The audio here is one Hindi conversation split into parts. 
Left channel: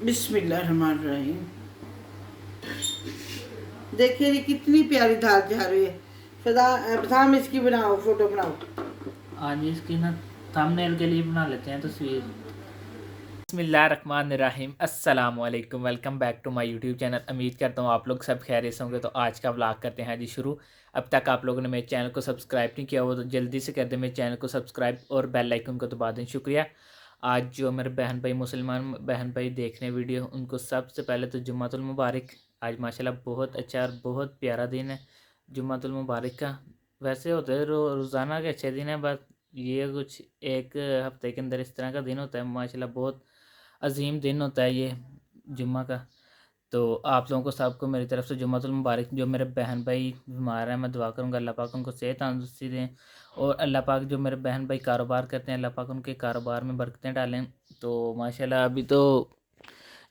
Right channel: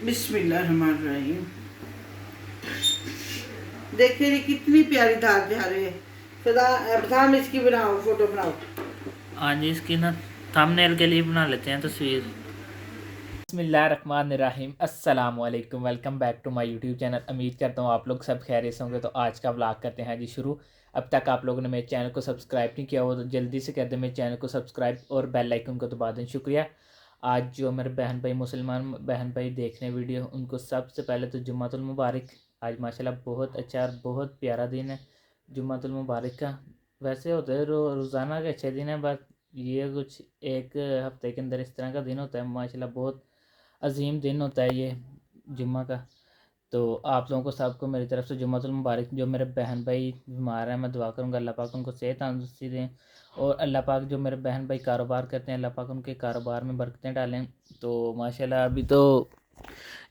बिस्मिल्लाहिर्रहमानिर्रहीम। देखिए ये कितनी प्यारी दाल जा रही है। सदा अब्साम इसकी बनाओ, फोटो बनाओ। आज इसकी ना थंबनेल के लिए बना लेते हैं तस्वीर। बिस्मिल्लाहिर्रहमानिर्रहीम, अस्सलाम वालेकुम, welcome back to my YouTube channel. उम्मीद करता हूँ आप लोग सब खैरियत से होंगे। तो आज का व्लॉग करते हैं जी शुरू। अब तक आप लोगों ने मेरे चैनल को सब्सक्राइब नहीं किया हो तो जल्दी से कर दें मेरे चैनल को सब्सक्राइब और बेल आइकन को दबा दें। शुक्रिया। आज जो मेरे बहन भाई मुसलमान बहन भाई देख रहे हैं वीडियो, उनको सबसे पहले तो जुम्मतुल मुबारक। आज माशाल्लाह बहुत अच्छा और बहुत प्यारा दिन है जुम्मतुल मुबारक का। वैसे होते हैं रोज़ाना के अच्छे दिन है, बस ये कुछ एक हफ्ते के अंदर इस तरह का दिन होता है। माशाल्लाह बहुत अजीम दिन होता है ये जुम्मा का। तो आप लोगों को सबको मेरी तरफ से जुम्मतुल मुबारक। जो मेरे बहन भाई बीमार हैं, मैं दुआ करूँगा अल्लाह पाक उनको सेहत तंदुरुस्ती दें। और अल्लाह पाक जो मेरे बहन भाई कारोबार करते हैं, अल्लाह पाक उनके कारोबार में बरकतें डालें। तो माशाल्लाह अभी तो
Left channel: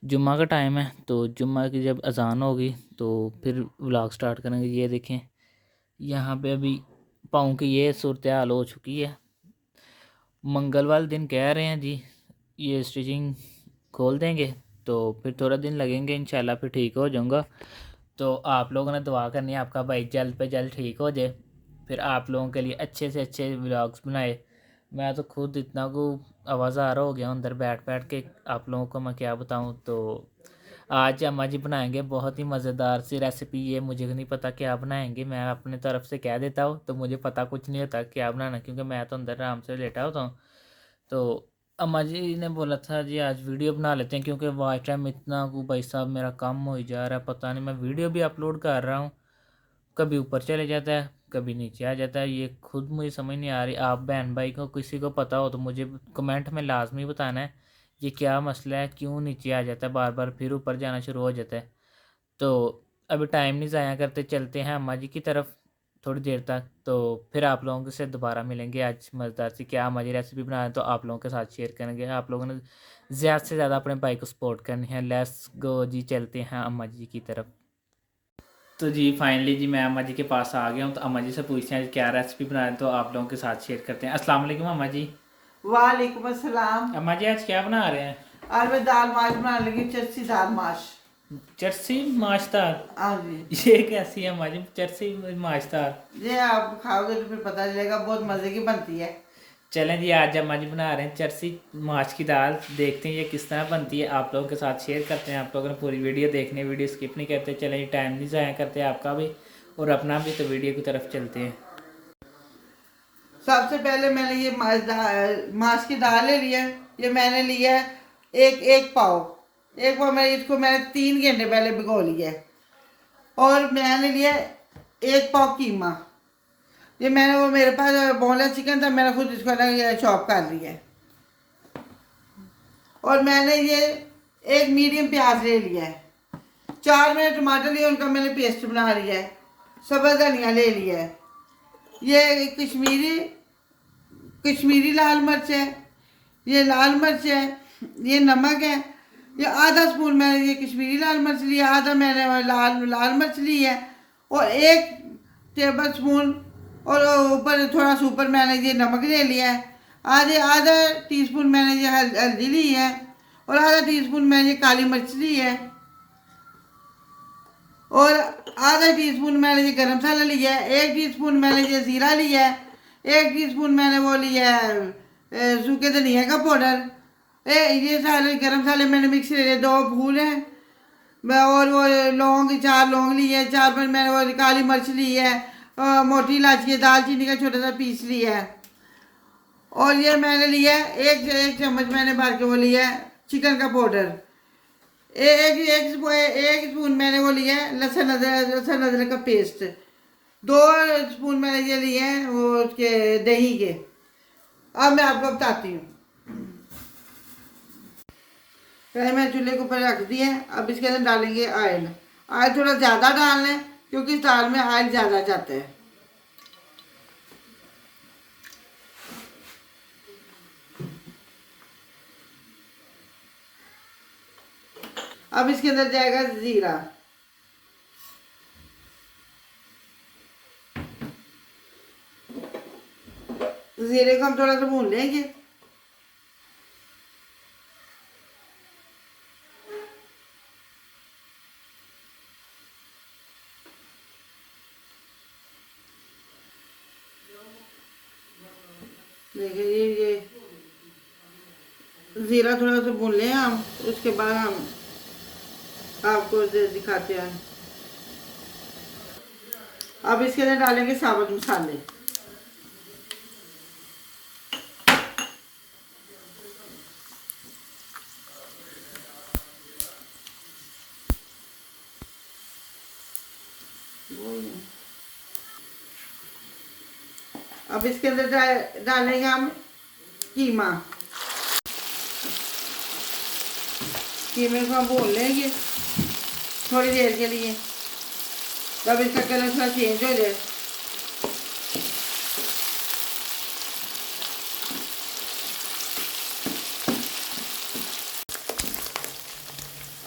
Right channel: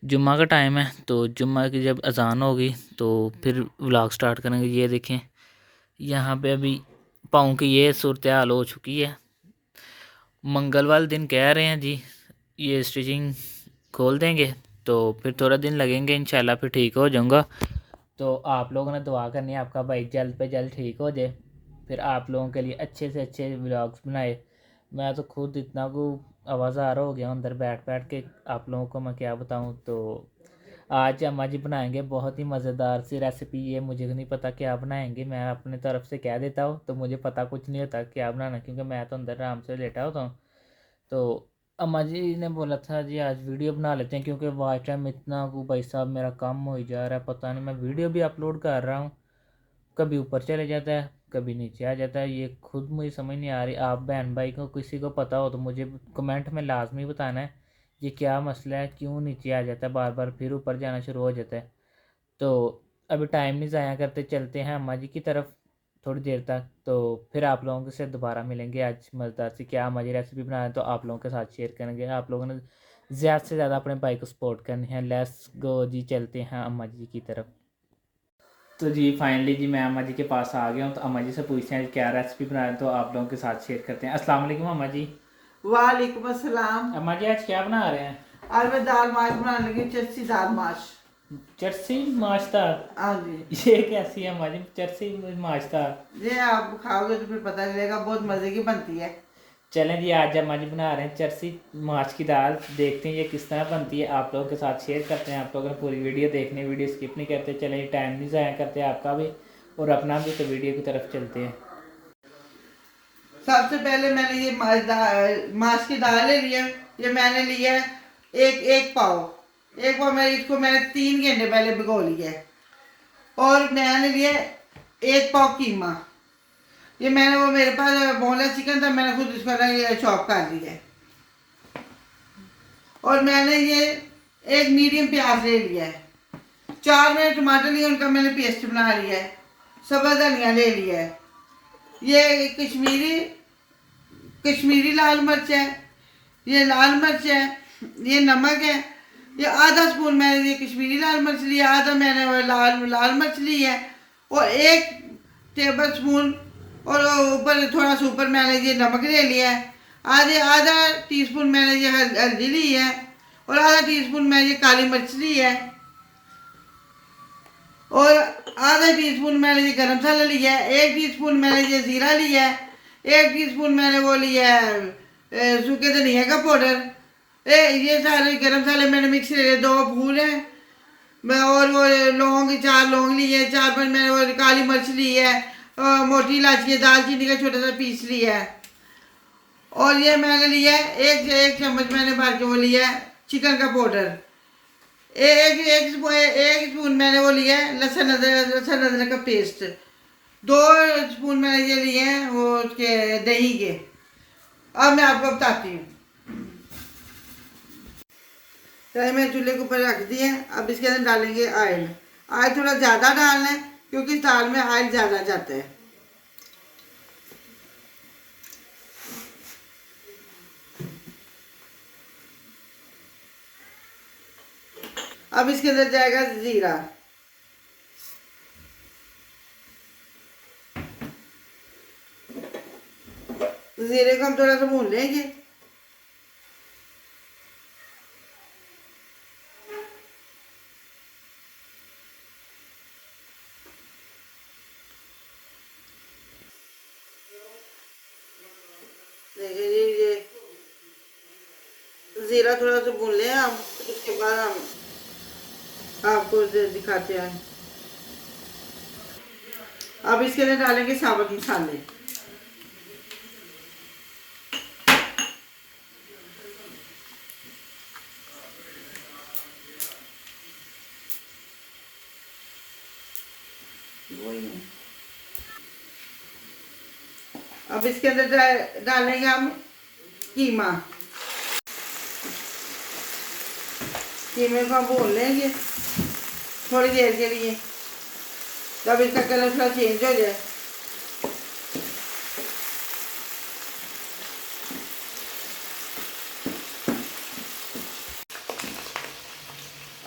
जुम्मा का टाइम है, तो जुम्मा की जब अज़ान होगी तो फिर व्लॉग स्टार्ट करेंगे। ये देखें यहाँ पे अभी पाँव की ये सूरत हाल हो चुकी है। मंगलवार दिन कह रहे हैं जी ये स्टिचिंग खोल देंगे, तो फिर थोड़ा दिन लगेंगे, इंशाल्लाह फिर ठीक हो जाऊँगा। तो आप लोगों ने दुआ करनी है आपका भाई जल्द पे जल्द ठीक हो जाए, फिर आप लोगों के लिए अच्छे से अच्छे व्लॉग्स बनाए। मैं तो खुद इतना को आवाज़ार हो गया अंदर बैठ बैठ के, आप लोगों को मैं क्या बताऊं। तो आज अम्मा जी बनाएंगे बहुत ही मज़ेदार सी रेसिपी। ये मुझे नहीं पता क्या बनाएंगे, मैं अपने तरफ से कह देता हूँ तो मुझे पता कुछ नहीं होता क्या बनाना, क्योंकि मैं तो अंदर आराम से लेटा होता हूँ। तो अम्मा जी ने बोला था जी आज वीडियो बना लेते हैं, क्योंकि वाच टाइम इतना को भाई साहब मेरा कम हो ही जा रहा है। पता नहीं, मैं वीडियो भी अपलोड कर रहा हूँ, कभी ऊपर चले जाता है कभी नीचे आ जाता है। ये खुद मुझे समझ नहीं आ रही। आप बहन भाई को किसी को पता हो तो मुझे कमेंट में लाजमी बताना है ये क्या मसला है, क्यों नीचे आ जाता है बार बार फिर ऊपर जाना शुरू हो जाता है। तो अभी टाइम नहीं ज़ाया करते, चलते हैं अम्मा जी की तरफ थोड़ी देर तक। तो फिर आप लोगों से दोबारा मिलेंगे। आज मज़ेदार सी क्या अम्मा जी रेसिपी बना रहे हैं तो आप लोगों के साथ शेयर करेंगे। आप लोगों ने ज़्यादा से ज़्यादा अपने भाई को सपोर्ट करनी है। लेट्स गो जी, चलते हैं अम्मा जी की तरफ। तो जी फाइनली जी मैं अम्मा जी के पास आ गया हूँ। तो अम्मा जी से पूछते हैं क्या रेसिपी बना रहे हैं, तो आप लोगों के साथ शेयर करते हैं। अस्सलाम वालेकुम अम्मा जी। वालेकुम अस्सलाम। अम्मा जी आज क्या बना रहे हैं? आज मैं दाल माश बनाने लगी, चरसी दाल माश। चरसी माश्तार? हाँ जी। ये कैसी है अम्मा जी चरसी माश्तार? ये आप खाओगे तो फिर पता चलेगा, बहुत मज़े की बनती है। चलें जी आज अम्मा जी बना रहे हैं चरसी माश की दाल। देखते हैं ये किस तरह बनती है, आप लोगों के साथ शेयर करते हैं। आप लोगों ने पूरी वीडियो देखनी है, वीडियो स्किप नहीं करते। चलें जी टाइम नहीं ज़ाया करते आपका भी और अपना भी, तो वीडियो की तरफ चलते हैं। सबसे पहले मैंने ये माश की दाल ले लिया है। ये मैंने लिया है एक एक पाव। एक पाव मैं इसको मैंने 3 घंटे पहले भिगो लिया है। और मैंने लिया एक पाव कीमा। ये मैंने वो मेरे पास बोनलेस चिकन था, मैंने खुद इसको ना ये चॉप कर लिया है। और मैंने ये एक मीडियम प्याज ले लिया है। 4 मैंने टमाटर लिए, उनका मैंने पेस्ट बना लिया है। सब्ज़ धनिया ले लिया है। ये कश्मीरी कश्मीरी लाल मिर्च है, ये लाल मिर्च है, ये नमक है। ये आधा स्पून मैंने ये कश्मीरी लाल मिर्च लिया, आधा मैंने वो लाल लाल मिर्च ली है। और 1 टेबल स्पून और ऊपर थोड़ा सा ऊपर मैंने ये नमक ले लिया है। आधा टीस्पून मैंने ये हल्दी ली है। और आधा टीस्पून मैंने ये काली मिर्च ली है। और आधा टीस्पून मैंने ये गरम मसाला लिया है। 1 टीस्पून मैंने ये ज़ीरा लिया है। 1 टीस्पून मैंने वो लिया है सूखे धनिया का पाउडर। ये सारे गरम मसाले मैंने मिक्स ले लिए। 2 फूल हैं मैं, और वो लौंग 4 लौंग लिए है। 4 5 मैंने वो काली मिर्च ली है। मोटी इलायची दालचीनी का छोटा सा पीस लिया है। और ये मैंने लिया है एक चम्मच मैंने भर के वो लिया है चिकन का पाउडर। एक स्पून मैंने वो लिया है लहसुन अदरक का पेस्ट। 2 स्पून मैंने ये लिए हैं वो उसके दही के। अब मैं आपको बताती हूँ। कढ़ाई मैं चूल्हे के ऊपर रख दी है। अब इसके अंदर डालेंगे ऑयल। ऑयल थोड़ा ज़्यादा डालना है क्योंकि इस दाल में ऑयल ज़्यादा जाता है। अब इसके अंदर जाएगा ज़ीरा। ज़ीरे को हम थोड़ा सा भून लेंगे। जीरा थोड़ा सा भून लें हम, उसके बाद हम आपको दिखाते हैं। अब इसके अंदर डालेंगे साबुत मसाले। अब इसके अंदर डालेंगे हम कीमा। कीमे को हम भून लेंगे थोड़ी देर के लिए, तब इसका कलर थोड़ा चेंज हो जाए।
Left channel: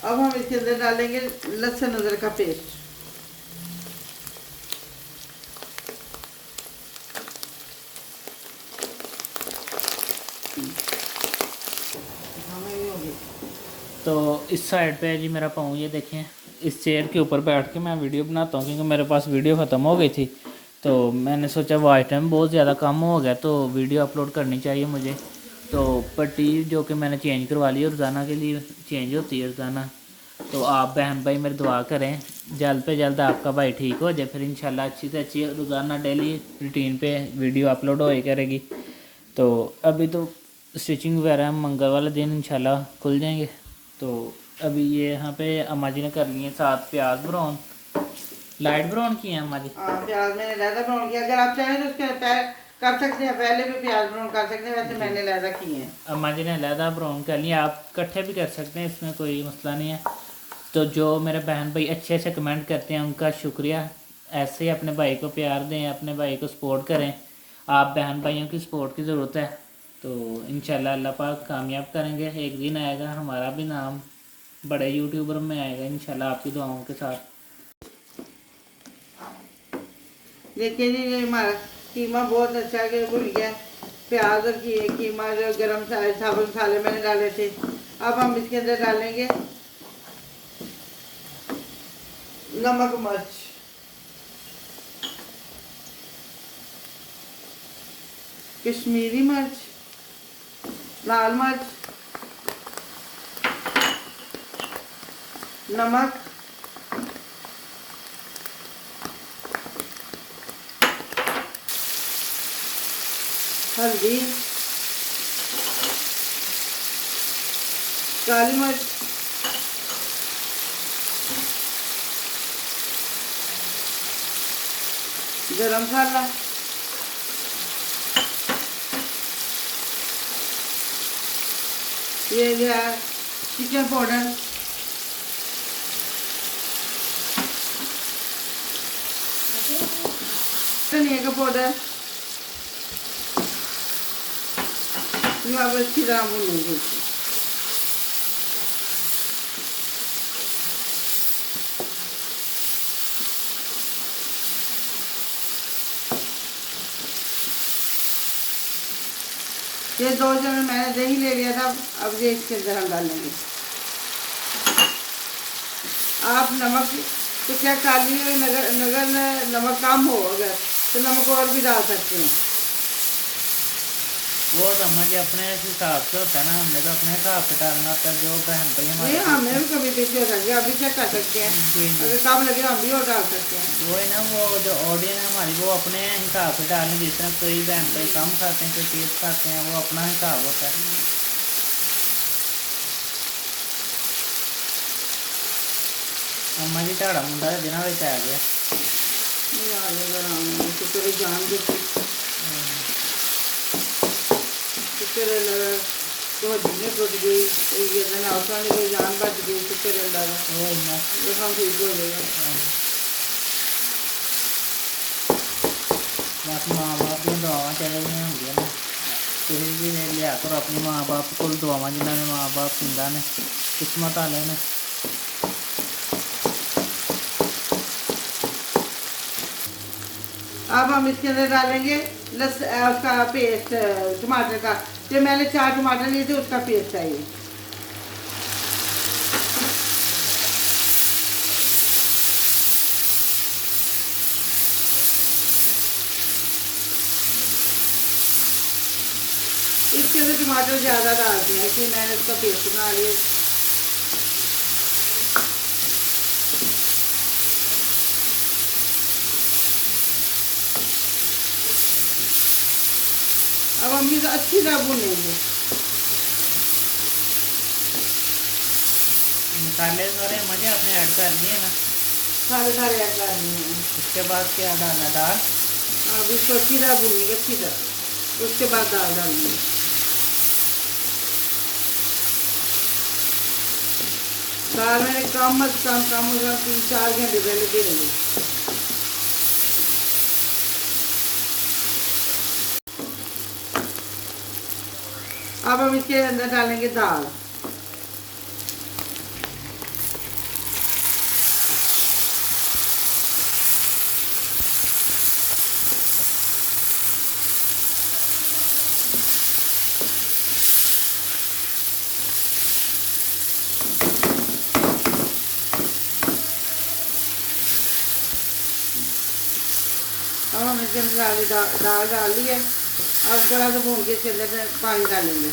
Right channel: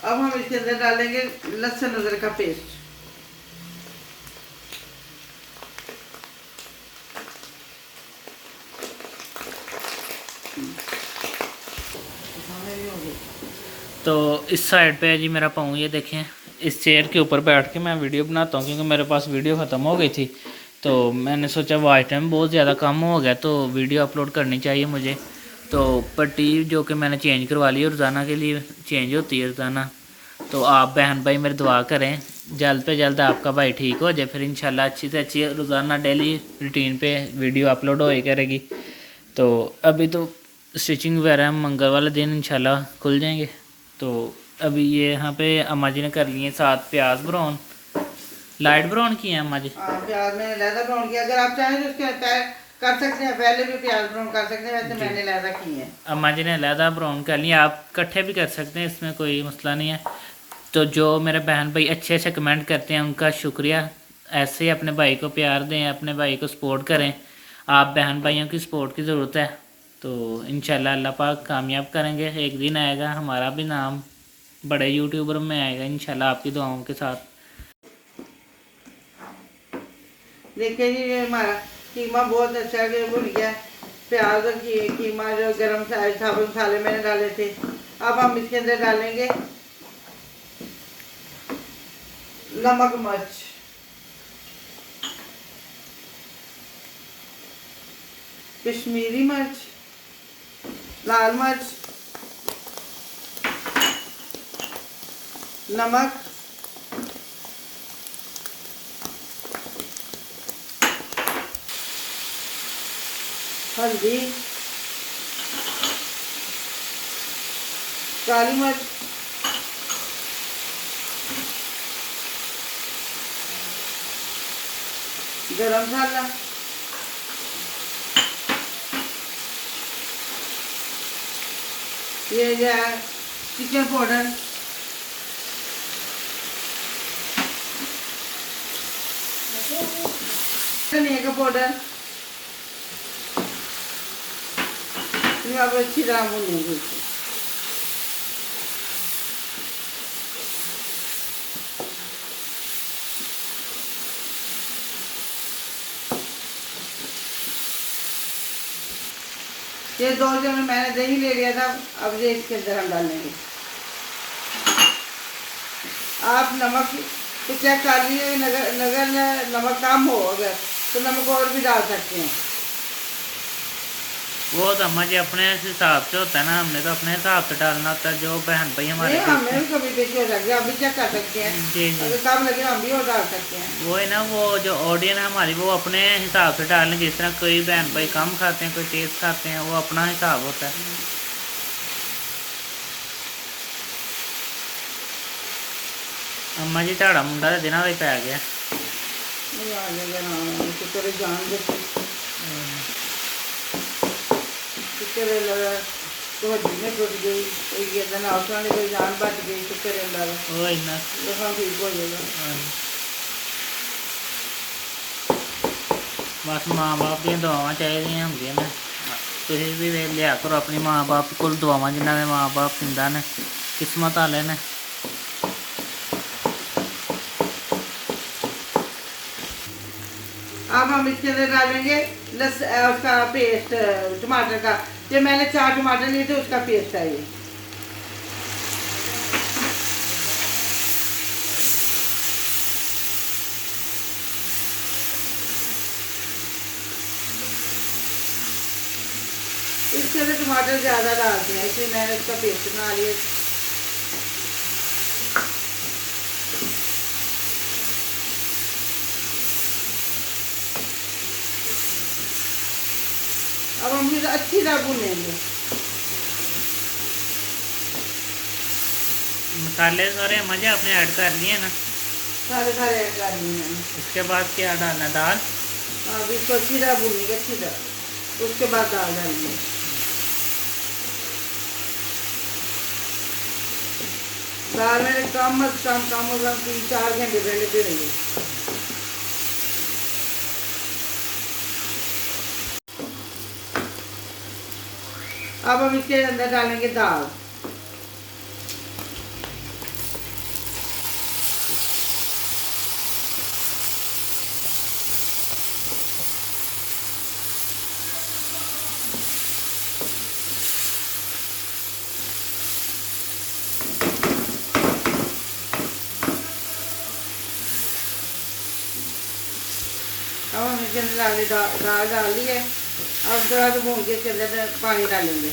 अब हम इसके अंदर डालेंगे लहसुन अदरक का पेस्ट। तो इस साइड पे है जी मेरा पाँव, ये देखें। इस चेयर के ऊपर बैठ के मैं वीडियो बनाता हूँ क्योंकि मेरे पास वीडियो ख़त्म हो गई थी। तो मैंने सोचा वॉच टाइम बहुत ज़्यादा कम हो गया तो वीडियो अपलोड करनी चाहिए मुझे। तो पट्टी जो कि मैंने चेंज करवा ली है, रोज़ाना के लिए चेंज होती है रोज़ाना। तो आप बहन भाई मेरी दुआ करें जल्द पे जल्द आपका भाई ठीक हो जाए, फिर इंशाल्लाह अच्छी से अच्छी रोज़ाना डेली रूटीन पे वीडियो अपलोड होए करेगी। तो अभी तो स्टिचिंग वगैरह हम मंगल वाले दिन इंशाल्लाह खुल जाएंगे। तो अभी ये यहाँ पे अम्मा जी ने कर लिए 7 प्याज ब्राउन, लाइट ब्राउन किए हैं अम्मा जी। प्याज मैंने लहदा ब्राउन किया, अगर आप चाहें तो उसके कर सकते हैं, पहले भी प्याज ब्राउन कर सकते हैं, वैसे मैंने लहदा किए हैं। अम्मा जी ने लहदा ब्राउन कर लिया, आप इकट्ठे भी कर सकते हैं, इसमें कोई मसला नहीं है। तो जो मेरे बहन भाई अच्छे अच्छे कमेंट करते हैं उनका शुक्रिया। ऐसे ही अपने भाई को प्यार दें, अपने भाई को सपोर्ट करें। आप बहन भाइयों की सपोर्ट की ज़रूरत है। तो इंशाल्लाह अल्लाह पाक कामयाब करेंगे, एक दिन आएगा हमारा भी नाम बड़े यूट्यूबर में आएगा इंशाल्लाह आपकी दुआओं के साथ। देखिए जी ये हमारा कीमा बहुत अच्छा के भुन गया। प्याज और कीमा जो गरम साबुत मसाले मैंने डाले थे, अब हम इसके अंदर डालेंगे नमक मिर्च, कश्मीरी मिर्च, लाल मिर्च, नमक, हल्दी, काली मिर्च, गरम मसाला, ये जो है किचन पाउडर, धनिया का पाउडर। ये अब अच्छी तरह भूनेंगे। ये 2 चम्मच मैंने दही ले लिया था, अब ये इसके अंदर हम डालेंगे। आप नमक तो क्या कर लिए, नगर नमक कम हो अगर तो नमक और भी डाल सकते हैं। वो समझ अपने हिसाब से होता है ना, हमने तो अपने हिसाब से डालना होता है। जो बहन भाई हमारे हमें भी कभी देखिए हो सकता है, अभी चेक कर सकते हैं। जी जी अगर सब लगे हम भी और डाल सकते हैं। वो है ना, वो जो ऑडियंस है हमारी वो अपने हिसाब से डालने, जिस तरह कोई बहन भाई कम खाते हैं, कोई तेज़ खाते हैं, वो अपना हिसाब होता है। अम्मा जी झाड़ा मुंडा तो दिनों ही पै गया। तेरे जान दे तेरे लगा तो जिन्हें बच गई कोई ये ना आसान कोई जान बच गई तो तेरे लगा वो इन्ना देखा ठीक हो जाएगा। बस माँ बाप दी दुआवां चाहिए होंगे ने, तुम भी लिया करो अपनी माँ बाप को दुआवां, जिन्होंने माँ बाप जिंदा ने किस्मत वाले ने। अब हम इसके अंदर डालेंगे उसका पेस्ट टमाटर का। ये मैंने 4 टमाटर लिए थे, उसका पेस्ट है ये। इस इसके अंदर टमाटर ज़्यादा डालते हैं, इसलिए मैंने उसका पेस्ट बना लिया। अब हम इसे अच्छी तरह भूनेंगे। मसाले सारे मजे आपने ऐड कर लिए ना? सारे सारे ऐड कर लिए। उसके बाद क्या डालना? दाल? अब इसको अच्छी तरह भूनेंगे, अच्छी तरह, उसके बाद दाल डालेंगे। दाल मैंने कम से कम 3-4 घंटे पहले भिगोई। अब हम इसके अंदर डालेंगे दाल। अब हम इसके अंदर दाल डाल दी है। अब थोड़ा सा भून के इसके अंदर पानी डालेंगे।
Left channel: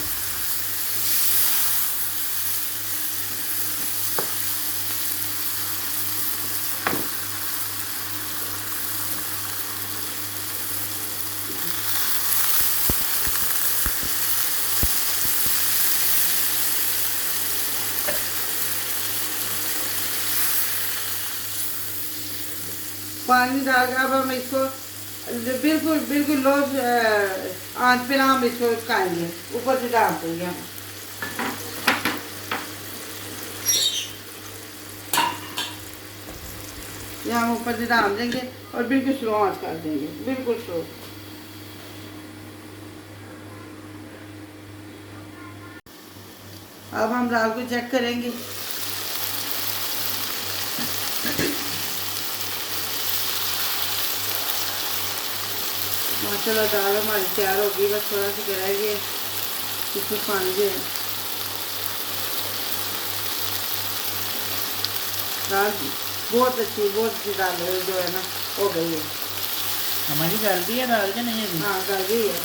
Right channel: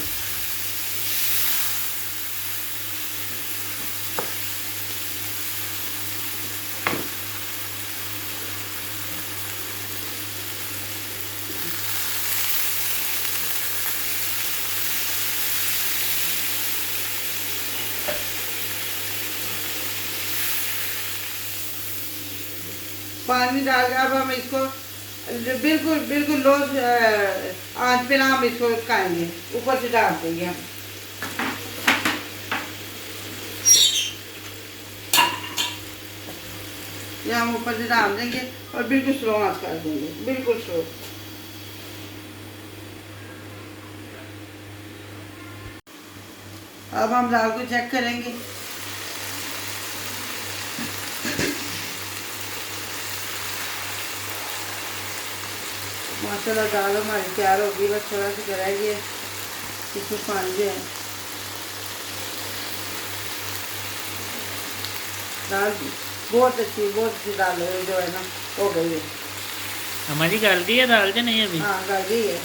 पानी डाल के अब हम इसको बिल्कुल बिल्कुल लो आंच पे ना हम इसको पकाएंगे, ऊपर से डाल देंगे हम। ये हम ऊपर से डाल देंगे और बिल्कुल स्लो आंच कर देंगे, बिल्कुल स्लो। अब हम दाल को चेक करेंगे। माशाल्लाह दाल हमारी तैयार होगी। बस थोड़ा सा रह गया, इसमें पानी है। दाल बहुत अच्छी दाल है, जो है ना, हो गई है। हमारी गल गई है दाल जो नहीं अभी? हाँ, गल गई है।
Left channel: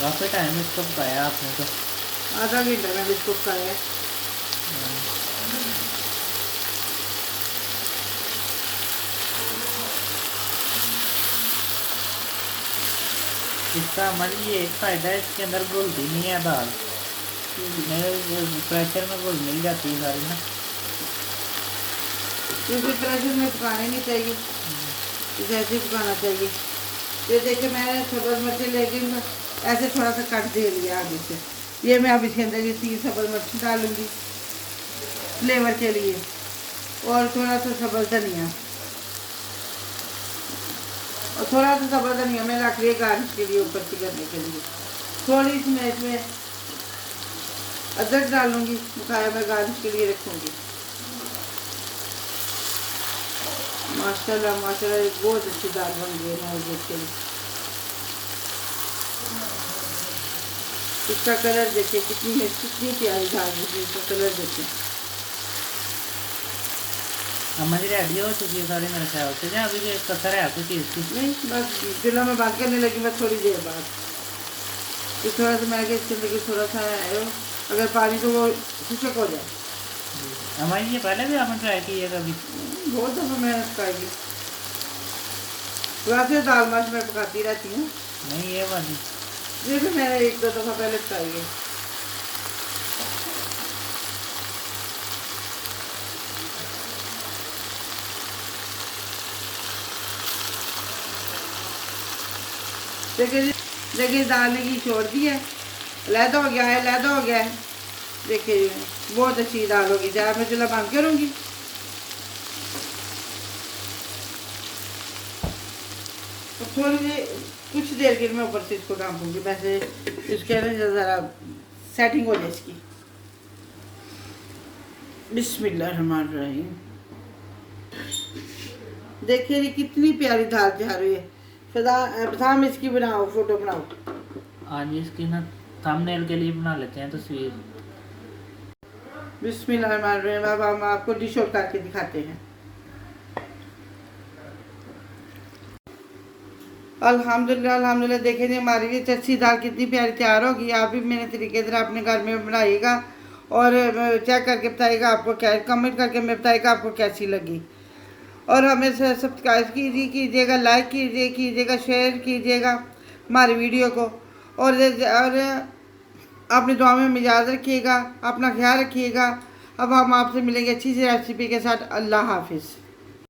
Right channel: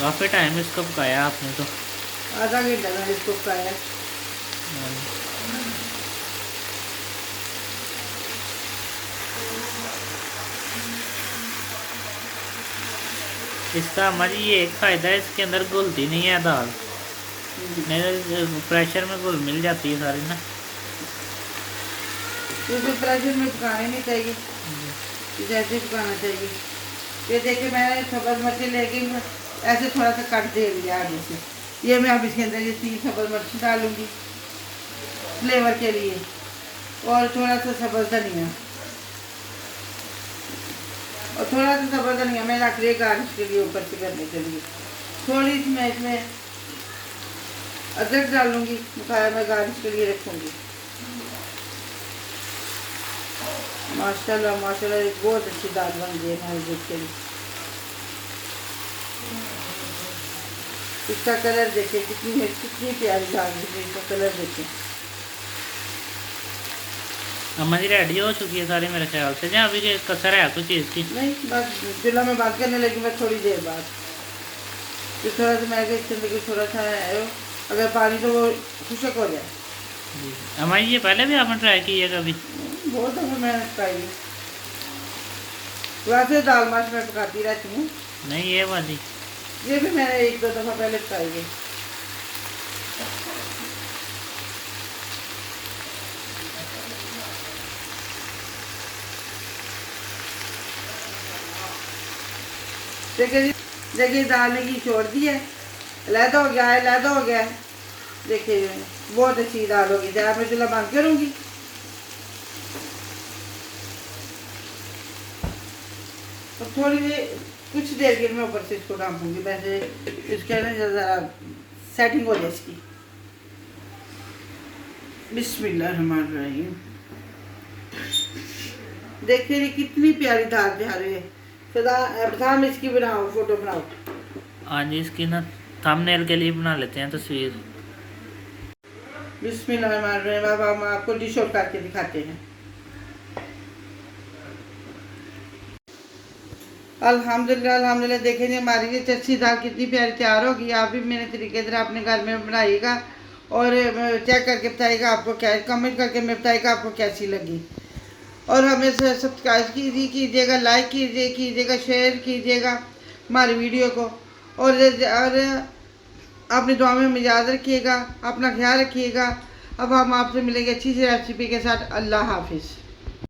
काफ़ी टाइम इसको पकाया आपने तो? आधा घंटा मैंने इसको पकाया। इसका हमारी ये एक फ़ायदा है, इसके अंदर घुलती नहीं है दाल, नहीं प्रेशर में घुल मिल जाती है सारी ना। क्योंकि प्रेशर में पकाने नहीं चाहिए, इसे ऐसे पकाना चाहिए। ये देखिए मैंने सब्ज़ मिर्ची लेके ऐसे थोड़ा सा कट दे दिया आगे से। ये मैं अब इसके अंदर ये 3 सब्ज़ मिर्ची डालूंगी फ्लेवर के लिए, और थोड़ा सा सब्ज़ धनिया, और थोड़ा सा सब्ज़ धनिया मैं रख रही गार्निश के लिए, ऊपर से करने के लिए। थोड़ी सी मैं इसमें अदरक डालूंगी, मसाला मैं गार्निश के लिए रखूंगी। माशाल्लाह माशाल्लाह एक बहुत अच्छी दाल बन गई है। देखिए इसका कलर देखिए, कितनी प्यारी दाल है। इसका कलर देखिए। हमारी रेडी हो चुकी है सारी मेरे ख्याल से, जहाँ अभी कसर है कुछ चीज़ की? नहीं, बस चूल्हा में बात करने लगी मैं थोड़ी देर बाद। तो थोड़ा सा मैं कि थोड़ा सा है, अगर पानी तो वो खुशक हो जाए। हमारी ये पहले भी आपने ट्राई की है कभी? बहुत दफ़ा मैंने पकाई। वैसे दाल माश मैं पकाती रहती हूँ। नहीं ये वाली? ये भी मैंने 1-2 दफ़ा पहले पकाई है। देखिए दाल की छोड़ दी है, लहदा हो गया है, लहदा हो गया है। देखिए बहुत अच्छी दाल होगी। चाहे मैं चूल्हा बंद करूँगी। तो थोड़ी देर, कुछ देर के मैं ऊपर से इसको ढाँपूँगी, वैसे इसके ना ज़रा सेटिंग हो जाए इसकी। बिस्मिल्लाहिर्रहमानिर्रहीम। देखिए ये कितनी प्यारी दाल तैयार हुई है। फिर इसकी बनाओ, फोटो बनाओ। हाँ जी, इसकी ना थंबनेल के लिए बना लेते हैं तस्वीर। बिस्मिल्लाहिर्रहमानिर्रहीम। अब हम आपको डिश आउट करके दिखाते हैं। अल्हम्दुलिल्लाह अल्हम्दुलिल्लाह। देखें जी हमारी ये चच्छी दाल कितनी प्यारी तैयार होगी। आप भी मेरे तरीके से अपने घर में बनाइएगा और चेक करके बताइएगा आपको क्या, कमेंट करके मैं बताइएगा आपको कैसी लगी। और हमें सब्सक्राइब कीजिएगा, लाइक कीजिएगा, शेयर कीजिएगा हमारी वीडियो को। और अपनी दुआ में याद रखिएगा, अपना ख्याल रखिएगा। अब हम आपसे मिलेंगे अच्छी सी रेसिपी के साथ। अल्लाह हाफिज़।